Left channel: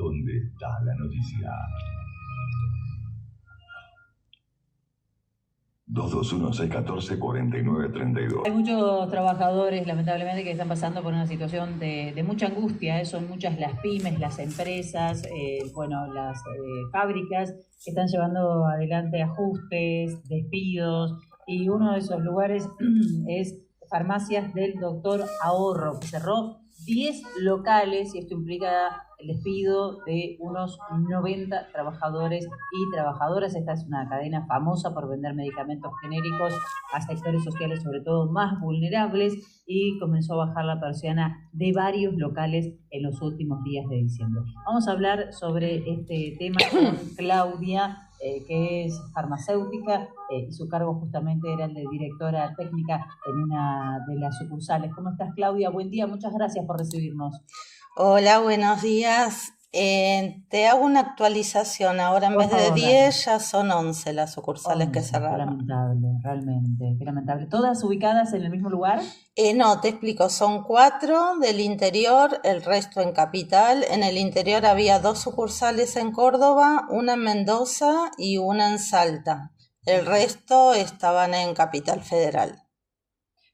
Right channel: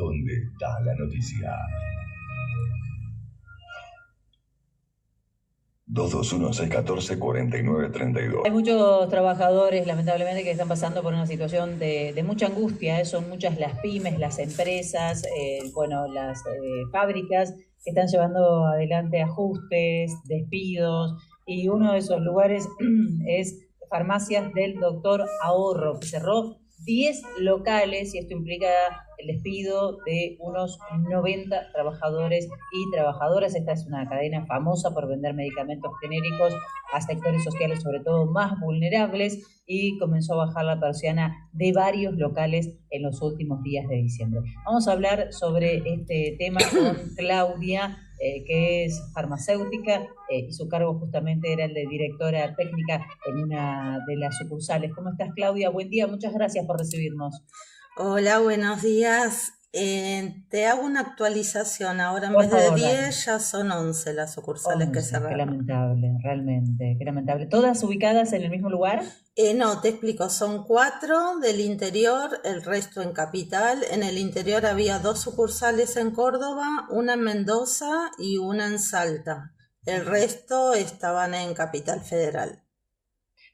¿Dónde está la noticia? 221-614-4932. Hay muchos trabajadores, lamentablemente, que están pasando por una situación de mucha angustia. Son muchas las pymes, las empresas, las fábricas que están llevando adelante ajustes, despidos. Y uno de esos lugares es Farmacias del Doctor Ahorro, que cerró 10 locales, y esto implica el despido de unos 90 trabajadores y trabajadoras. Esta es una cadena famosa por vender medicamentos genéricos a sectores sociales, sobre todo más vulnerables, y comenzó a bajar la persiana de varios locales en los últimos días de diciembre. Vamos a hablar sobre este tema con Claudia, que es farmacéutica, y su cargo justamente era el de directora técnica en una de las sucursales. ¿Cómo estás, Claudia? Buen día, muchas gracias por recibirnos. Hola, buenos días. Te hago una actualización. Ahora en Por vez de favor, dale. 10 ya son 11 las sucursales que 11, qué cerraron. lamentable, realmente, qué lamentable. ¿Todas ubicadas en el mismo lugar? No, te explico. Son 4 del interior, el resto en capital. En el interior había 2 sucursales en Córdoba, una en Mendoza y una en Salta. El resto estaban en Capital Federal.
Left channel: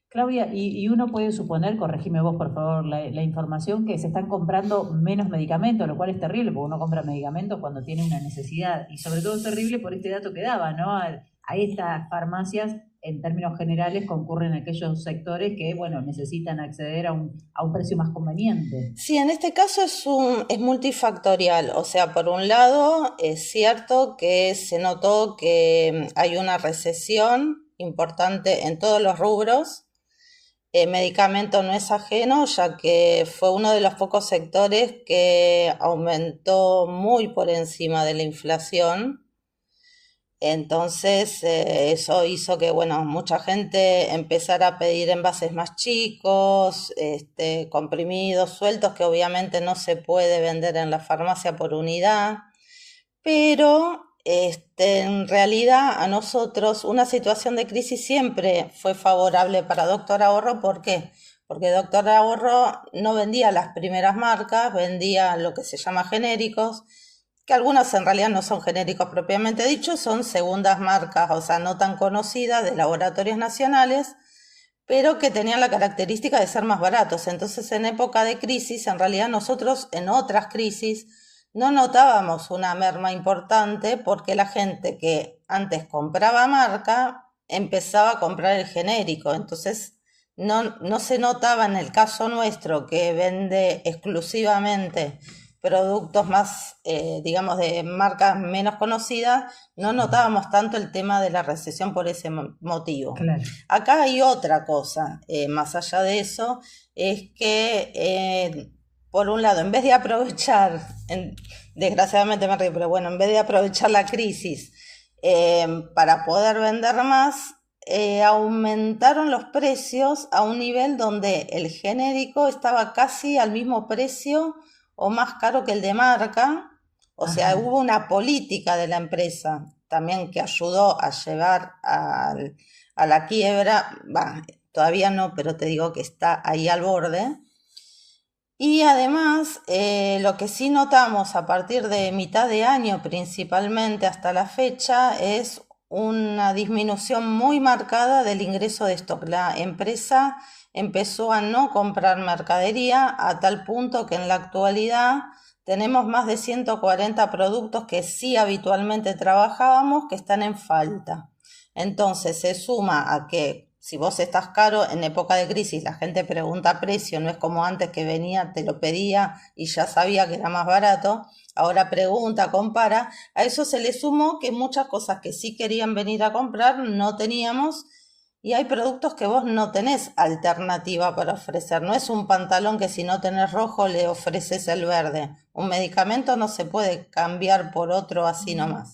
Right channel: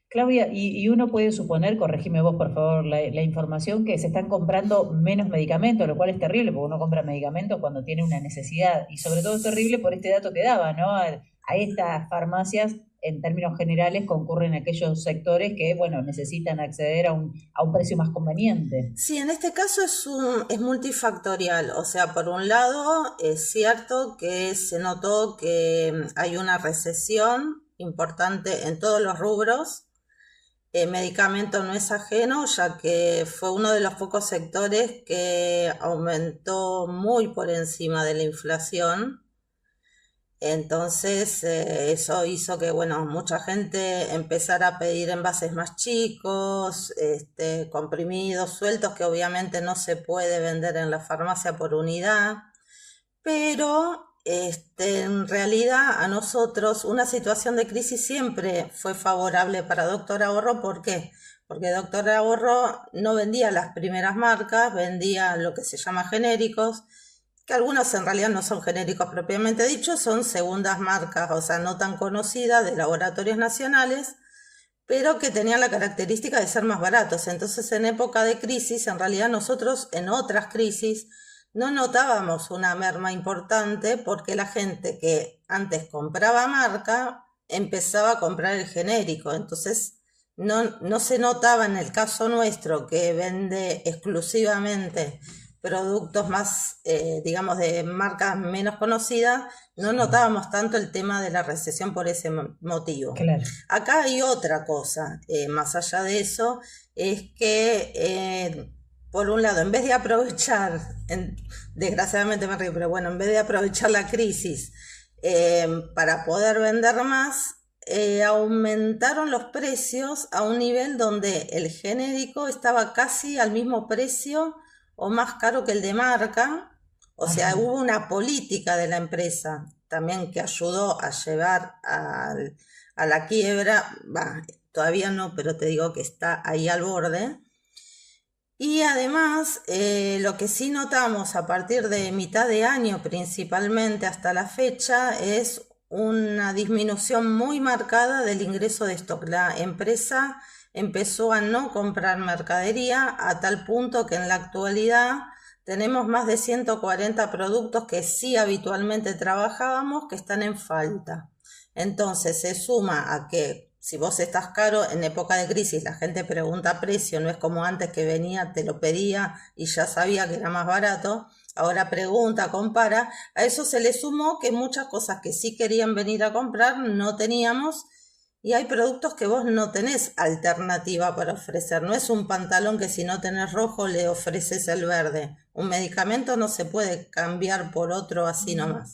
Claudia, y uno puede suponer, corregime vos por favor la información, que se están comprando menos medicamentos, lo cual es terrible, porque uno compra medicamentos cuando tiene una necesidad, y sobre todo es terrible por este dato que daba, ¿no? A estas farmacias, en términos generales, concurren aquellos sectores que, bueno, necesitan acceder a un precio más conveniente. Sí, en este caso es multifactorial. O sea, por un lado, es cierto que se notó que hay una recesión importante en todos los rubros. Medicamento no es ajeno, ya que fue uno de los pocos sectores que aumentó muy por encima de la inflación. Entonces, eso hizo que, bueno, mucha gente empezara a pedir envases más chicos, comprimidos, sueltos, que obviamente no se puede vender en la farmacia por unidad. Pero en realidad a nosotros una situación de crisis siempre fue favorable para Doctor Ahorro. ¿Por qué? Porque Doctor Ahorro no vendía las primeras marcas, vendía lo que se llama genéricos, que algunos en realidad no son genéricos propiamente dichos, son segundas marcas, o sea, no tan conocidas, de laboratorios nacionales, pero que tenían la característica de ser más baratos. Entonces, en época de crisis, en realidad nosotros en otras crisis no notábamos una merma importante, porque la gente que antes compraba marca empezaba a comprar el genérico. Entonces no se notaba en el caso nuestro, que vende exclusivamente productos más, digamos, de marcas menos conocidas, no notábamos tanto el tema de la recesión por ese motivo. Claro. Acá hay otra cosa, más allá de eso, es que por un lado, en vez de aprovechar, desgraciadamente me río, pero bueno, en vez de aprovechar la crisis para poder vender más, aumentaron los precios a un nivel donde el genérico estaba casi al mismo precio o más caro que el de marca. O sea, Ajá. hubo una política de la empresa también que ayudó a llevar a la quiebra. Todavía no, pero te digo que está ahí al borde. Y además, lo que sí notamos a partir de mitad de año principalmente hasta la fecha es una disminución muy marcada del ingreso de stock. La empresa empezó a no comprar mercadería, a tal punto que en la actualidad tenemos más de 140 productos que sí habitualmente trabajábamos que están en falta. Entonces se suma a que si vos estás caro, en época de crisis la gente pregunta precio, no es como antes que venía, te lo pedía y ya sabía que era más barato. Ahora pregunta, compara. A eso se le sumó que muchas cosas que sí querían venir a comprar no teníamos, y hay productos que vos no tenés alternativa para ofrecer. No es un pantalón que si no tenés rojo le ofreces el verde. Un medicamento no se puede cambiar por otro así nomás.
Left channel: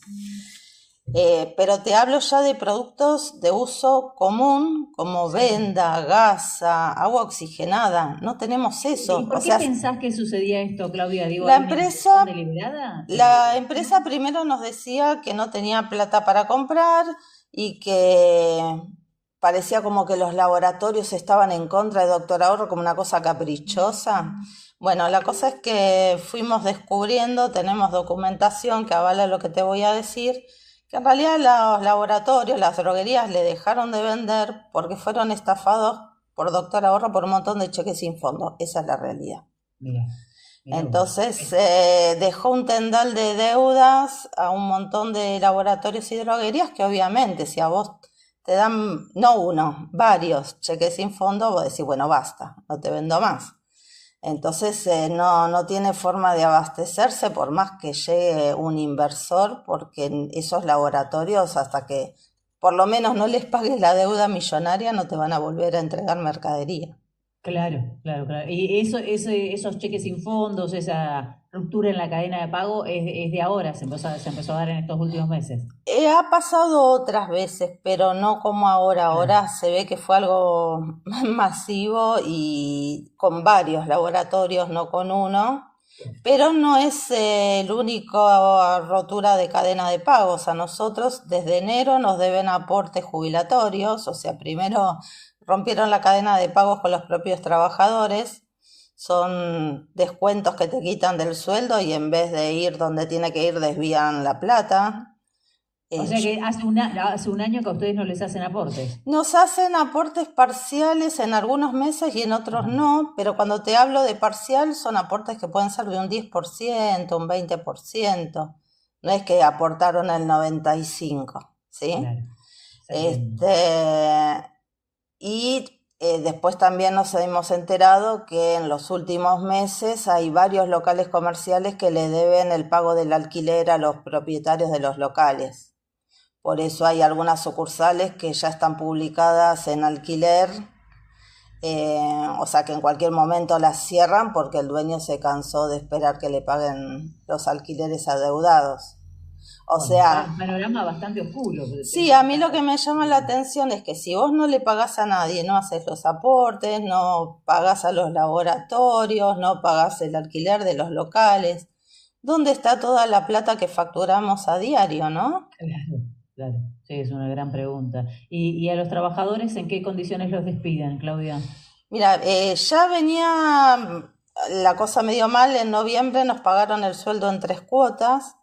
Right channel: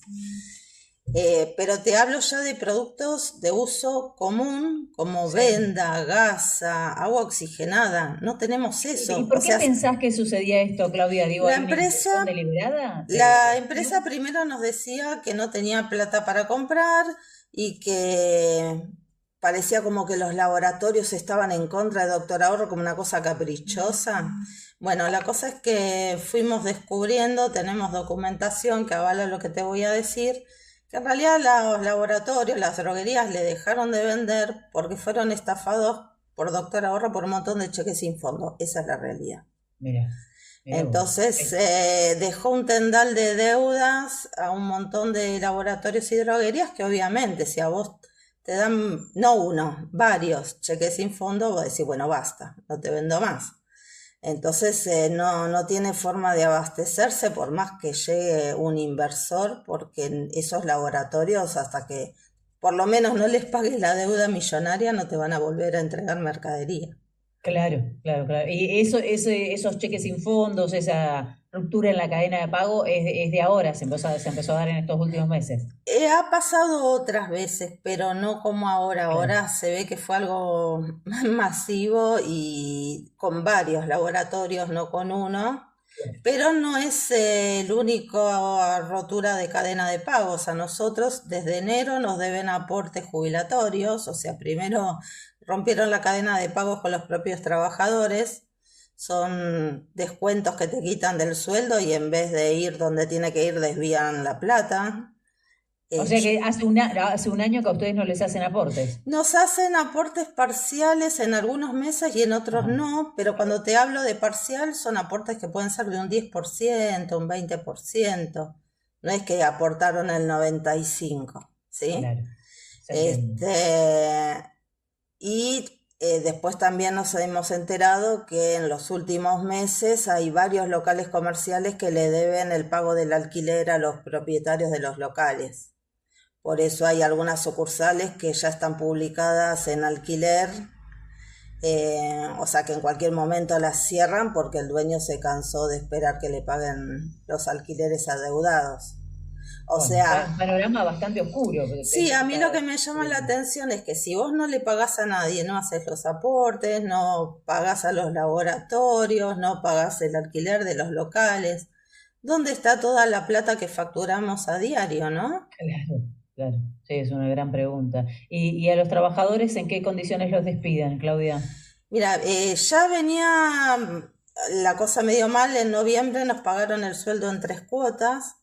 Pero te hablo ya de productos de uso común, como Sí. venda, gasa, agua oxigenada. No tenemos ¿Y eso. por O qué sea, pensás que sucedía esto, Claudia? Digo, la ¿hay una intención empresa, deliberada la empresa primero nos decía que no tenía plata para comprar y que parecía como que los laboratorios estaban en contra de Doctor Ahorro, como una cosa caprichosa. Bueno, la cosa es que fuimos descubriendo, tenemos documentación que avala lo que te voy a decir, que en realidad los laboratorios, las droguerías le dejaron de vender porque fueron estafados por Doctor Ahorro por un montón de cheques sin fondo. Esa es la realidad. Mira, mira vos. Entonces dejó un tendal de deudas a un montón de laboratorios y droguerías que obviamente si a vos te dan, no uno, varios cheques sin fondo, vos decís, bueno, basta, no te vendo más. Entonces no tiene forma de abastecerse por más que llegue un inversor, porque en esos laboratorios, hasta que por lo menos no les pagues la deuda millonaria, no te van a volver a entregar mercadería. Claro, claro, claro. Y esos cheques sin fondos, esa ruptura en la cadena de pago es de ahora, se empezó a dar en estos últimos meses. Ha pasado otras veces, pero no como ahora. Claro, Ahora se ve que fue algo masivo y con varios laboratorios, no con uno. Pero no es el único rotura de cadena de pagos. A nosotros desde enero nos deben aportes jubilatorios, o sea, primero rompieron la cadena de pagos con los propios trabajadores. Son descuentos que te quitan del sueldo y en vez de ir donde tiene que ir desvían la plata. o Eh, sea que hace un año que a ustedes no les hacen aportes. Nos hacen aportes parciales en algunos meses y en otros Ajá, no, pero cuando te hablo de parcial son aportes que pueden ser de un 10%, un 20%. No es que aportaron el 95%, ¿sí? claro, se entiende. Este, y después también nos hemos enterado que en los últimos meses hay varios locales comerciales que le deben el pago del alquiler a los propietarios de los locales. Por eso hay algunas sucursales que ya están publicadas en alquiler, o sea que en cualquier momento las cierran porque el dueño se cansó de esperar que le paguen los alquileres adeudados. O Bueno, sea, un panorama bastante oscuro. sí, a mí lo que me llama la atención es que si vos no le pagás a nadie, no haces los aportes, no pagás a los laboratorios, no pagás el alquiler de los locales, ¿dónde está toda la plata que facturamos a diario, no? Claro, claro, sí, es una gran pregunta. ¿Y a los trabajadores en qué condiciones los despiden, Claudia? Mira, ya venía la cosa medio mal. En noviembre nos pagaron el sueldo en 3 cuotas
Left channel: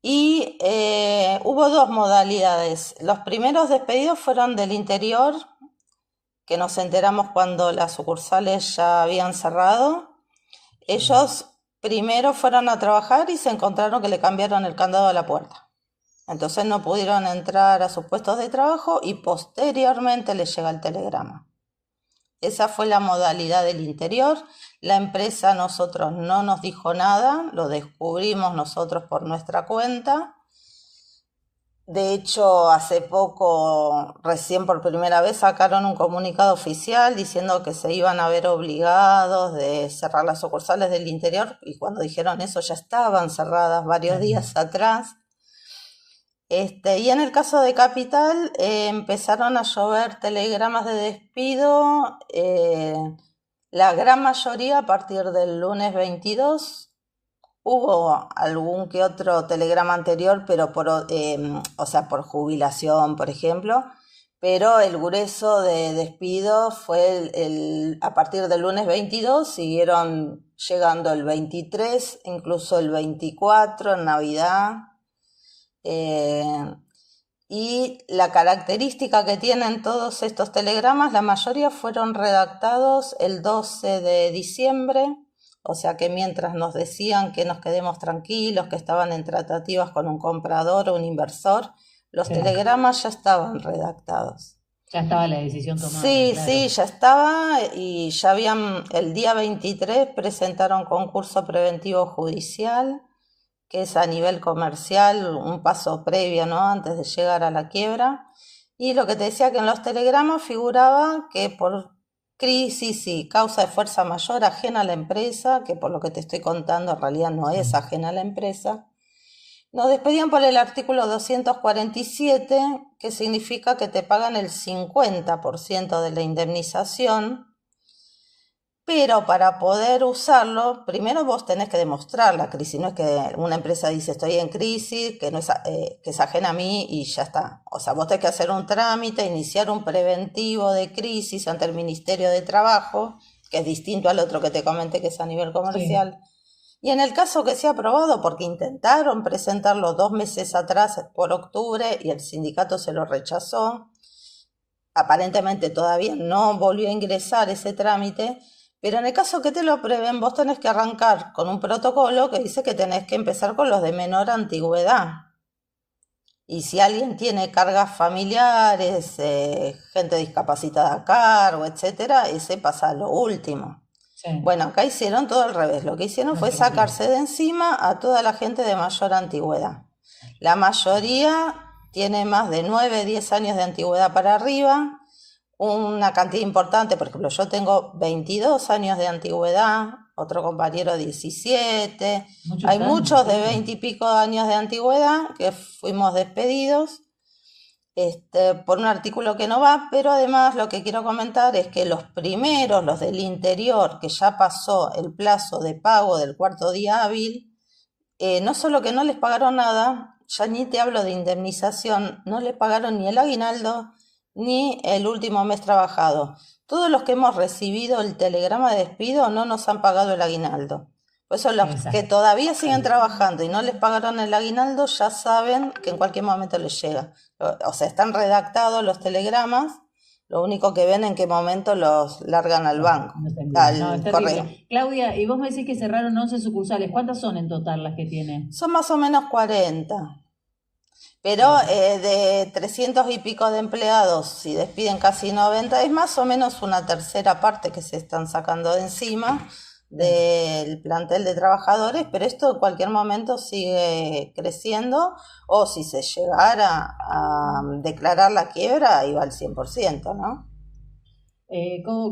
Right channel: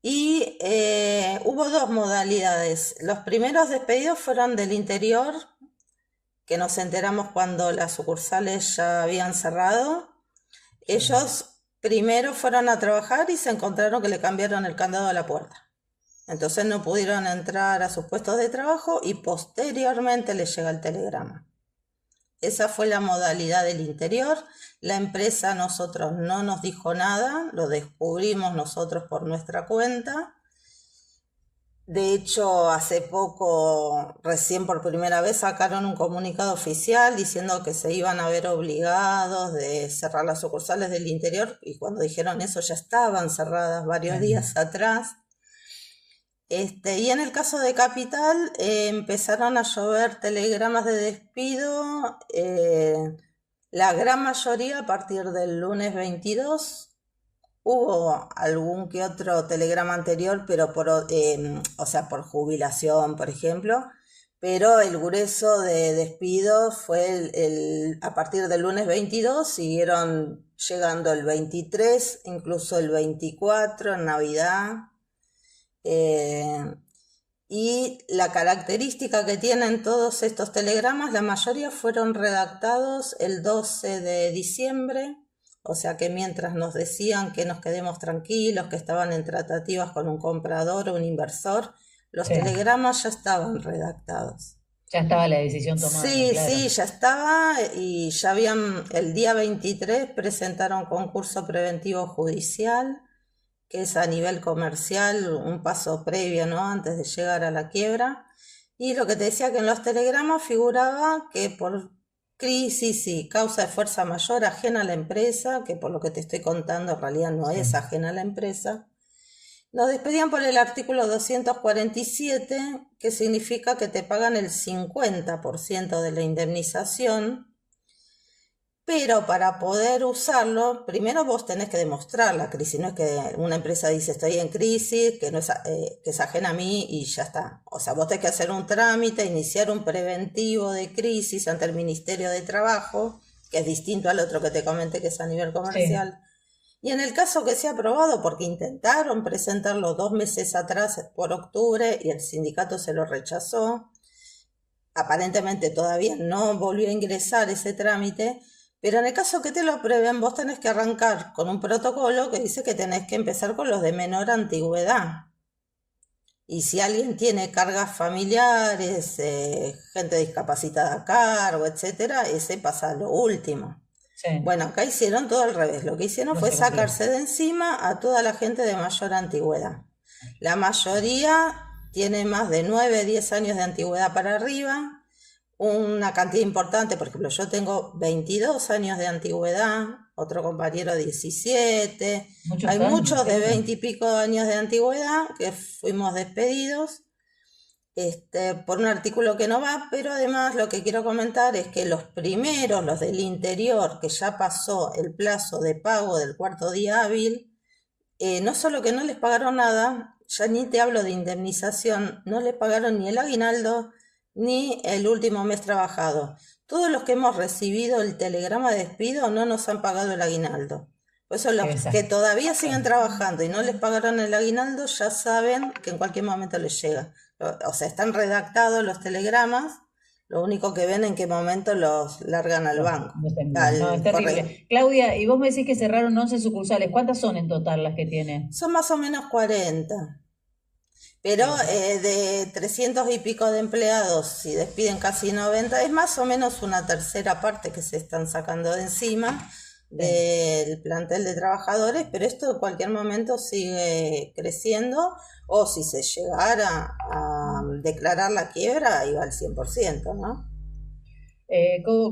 y hubo dos modalidades. Los primeros despedidos fueron del interior, que nos enteramos cuando las sucursales ya habían cerrado. Sí. Ellos primero fueron a trabajar y se encontraron que le cambiaron el candado a la puerta. Entonces no pudieron entrar a sus puestos de trabajo y posteriormente les llega el telegrama. Esa fue la modalidad del interior. La empresa a nosotros no nos dijo nada, lo descubrimos nosotros por nuestra cuenta. De hecho, hace poco, recién por primera vez, sacaron un comunicado oficial diciendo que se iban a ver obligados de cerrar las sucursales del interior, y cuando dijeron eso ya estaban cerradas varios Claro. días atrás. Y en el caso de Capital empezaron a llover telegramas de despido, la gran mayoría a partir del lunes 22. Hubo algún que otro telegrama anterior, pero o sea, por jubilación, por ejemplo, pero el grueso de despidos fue a partir del lunes 22, siguieron llegando el 23, incluso el 24 en Navidad. Y la característica que tienen todos estos telegramas, la mayoría fueron redactados el 12 de diciembre, o sea que mientras nos decían que nos quedemos tranquilos, que estaban en tratativas con un comprador o un inversor, los Sí, telegramas ya estaban redactados. ya estaba la decisión tomada, Sí, claro. sí, ya estaba y ya el día 23 presentaron concurso preventivo judicial, que es a nivel comercial, un paso previo, ¿no? Antes de llegar a la quiebra. Y lo que te decía que en los telegramas figuraba que por crisis y causa de fuerza mayor ajena a la empresa, que por lo que te estoy contando en realidad no es Sí. ajena a la empresa, nos despedían por el artículo 247, que significa que te pagan el 50% de la indemnización. Pero para poder usarlo, primero vos tenés que demostrar la crisis. No es que una empresa dice estoy en crisis, que, no es, que es ajena a mí y ya está. O sea, vos tenés que hacer un trámite, iniciar un preventivo de crisis ante el Ministerio de Trabajo, que es distinto al otro que te comenté, que es a nivel Sí, comercial. Y en el caso que sea aprobado, porque intentaron presentarlo 2 meses atrás por octubre y el sindicato se lo rechazó, aparentemente todavía no volvió a ingresar ese trámite, pero en el caso que te lo aprueben, vos tenés que arrancar con un protocolo que dice que tenés que empezar con los de menor antigüedad. Y si alguien tiene cargas familiares, gente discapacitada a cargo, etcétera, ese pasa a lo último. sí, Bueno, acá hicieron todo al revés. Lo que hicieron no fue se cumplió. sacarse de encima a toda la gente de mayor antigüedad. La mayoría tiene más de 9, 10 años de antigüedad para arriba. Una cantidad importante, por ejemplo, yo tengo 22 años de antigüedad, otro compañero 17. Muchos Hay años, muchos de gente. 20 y pico años de antigüedad que fuimos despedidos por un artículo que no va, pero además lo que quiero comentar es que los primeros, los del interior, que ya pasó el plazo de pago del cuarto día hábil, no solo que no les pagaron nada, ya ni te hablo de indemnización, no les pagaron ni el aguinaldo ni el último mes trabajado. Todos los que hemos recibido el telegrama de despido no nos han pagado el aguinaldo. Por eso los que Exacto. todavía siguen trabajando y no les pagaron el aguinaldo ya saben que en cualquier momento les llega. O sea, están redactados los telegramas, lo único que ven en qué momento los largan al banco, No te envían. No, es al correo. terrible. Claudia, y vos me decís que cerraron 11 sucursales. ¿Cuántas son en total las que tiene? Son más o menos 40. Pero de 300 y pico de empleados, si despiden casi 90, es más o menos una tercera parte que se están sacando de encima del plantel de trabajadores, pero esto en cualquier momento sigue creciendo, o si se llegara a declarar la quiebra, iba al 100%, ¿no?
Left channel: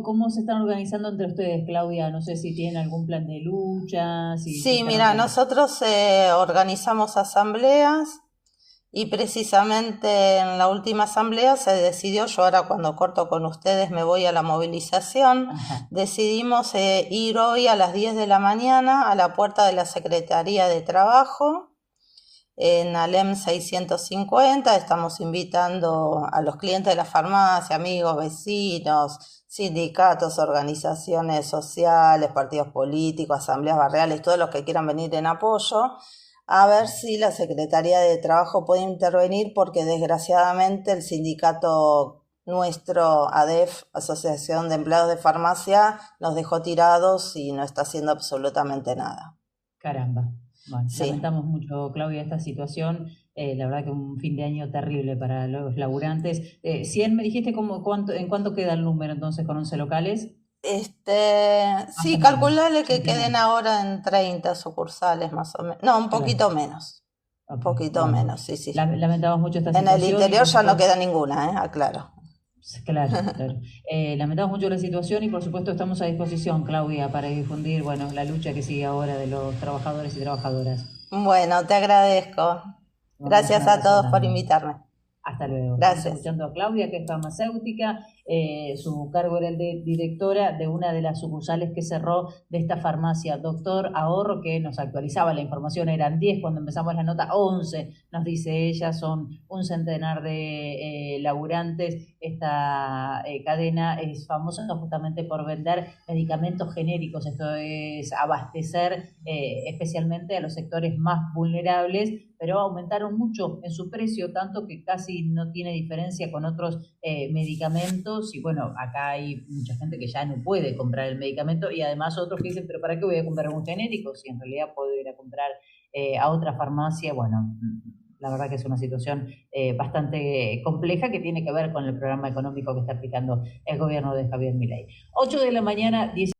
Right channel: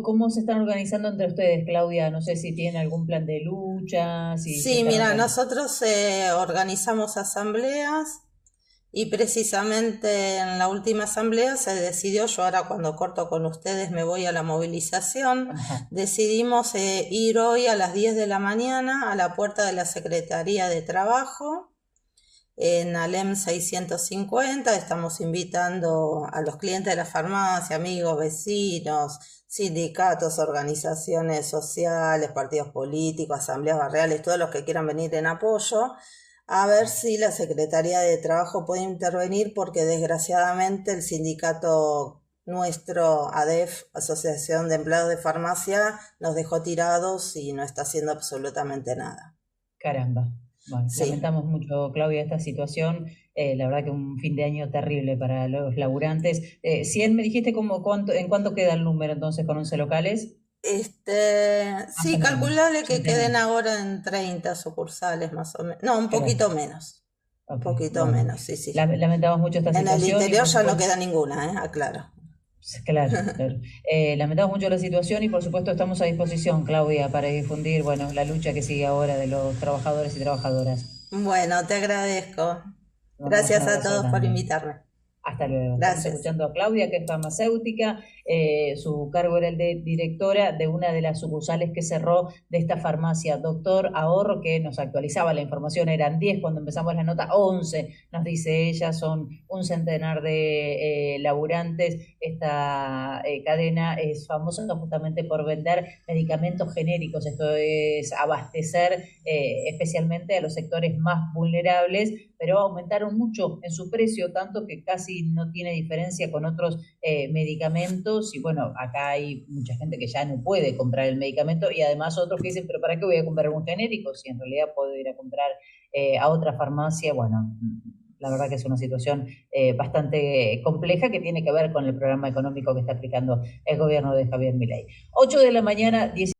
¿Cómo se están organizando entre ustedes, Claudia? No sé si tienen algún plan de lucha, si se Sí, están mira, organizando. nosotros organizamos asambleas. Y precisamente en la última asamblea se decidió, yo ahora cuando corto con ustedes me voy a la movilización, Ajá. decidimos ir hoy a las 10 de la mañana a la puerta de la Secretaría de Trabajo en Alem 650. Estamos invitando a los clientes de la farmacia, amigos, vecinos, sindicatos, organizaciones sociales, partidos políticos, asambleas barriales, todos los que quieran venir en apoyo, a ver si la Secretaría de Trabajo puede intervenir, porque desgraciadamente el sindicato nuestro, ADEF, Asociación de Empleados de Farmacia, nos dejó tirados y no está haciendo absolutamente nada. Caramba. Bueno, Sí. lamentamos mucho, Claudia, esta situación. La verdad que un fin de año terrible para los laburantes. 100, me dijiste, ¿en cuánto queda el número entonces con 11 locales? Sí, Más o menos, calculale que centenar. queden ahora en 30 sucursales más o menos. No, un Claro. poquito menos. Un Ok, poquito bueno. menos, sí. Lamentamos mucho esta En el situación y interior por ya no supuesto, queda ninguna, aclaro. claro, claro. Lamentamos mucho la situación y por supuesto estamos a disposición, Claudia, para difundir, bueno, la lucha que sigue ahora de los trabajadores y trabajadoras. Bueno, te agradezco. Te mandamos un Gracias a abrazo todos por grande. invitarme. Hasta luego. Estamos Gracias. escuchando a Claudia, que es farmacéutica. Su cargo era el de directora de una de las sucursales que cerró de esta farmacia Doctor Ahorro, que nos actualizaba la información. Eran 10 cuando empezamos la nota, 11, nos dice ella, son un centenar de laburantes. Esta cadena es famosa justamente por vender medicamentos genéricos, esto es abastecer especialmente a los sectores más vulnerables, pero aumentaron mucho en su precio, tanto que casi no tiene diferencia con otros medicamentos. Y bueno, acá hay mucha gente que ya no puede comprar el medicamento y además otros que dicen, pero ¿para qué voy a comprar un genérico si en realidad puedo ir a comprar a otra farmacia? Bueno, la verdad que es una situación bastante compleja que tiene que ver con el programa económico que está aplicando el gobierno de Javier Milei. 8 de la mañana, 10.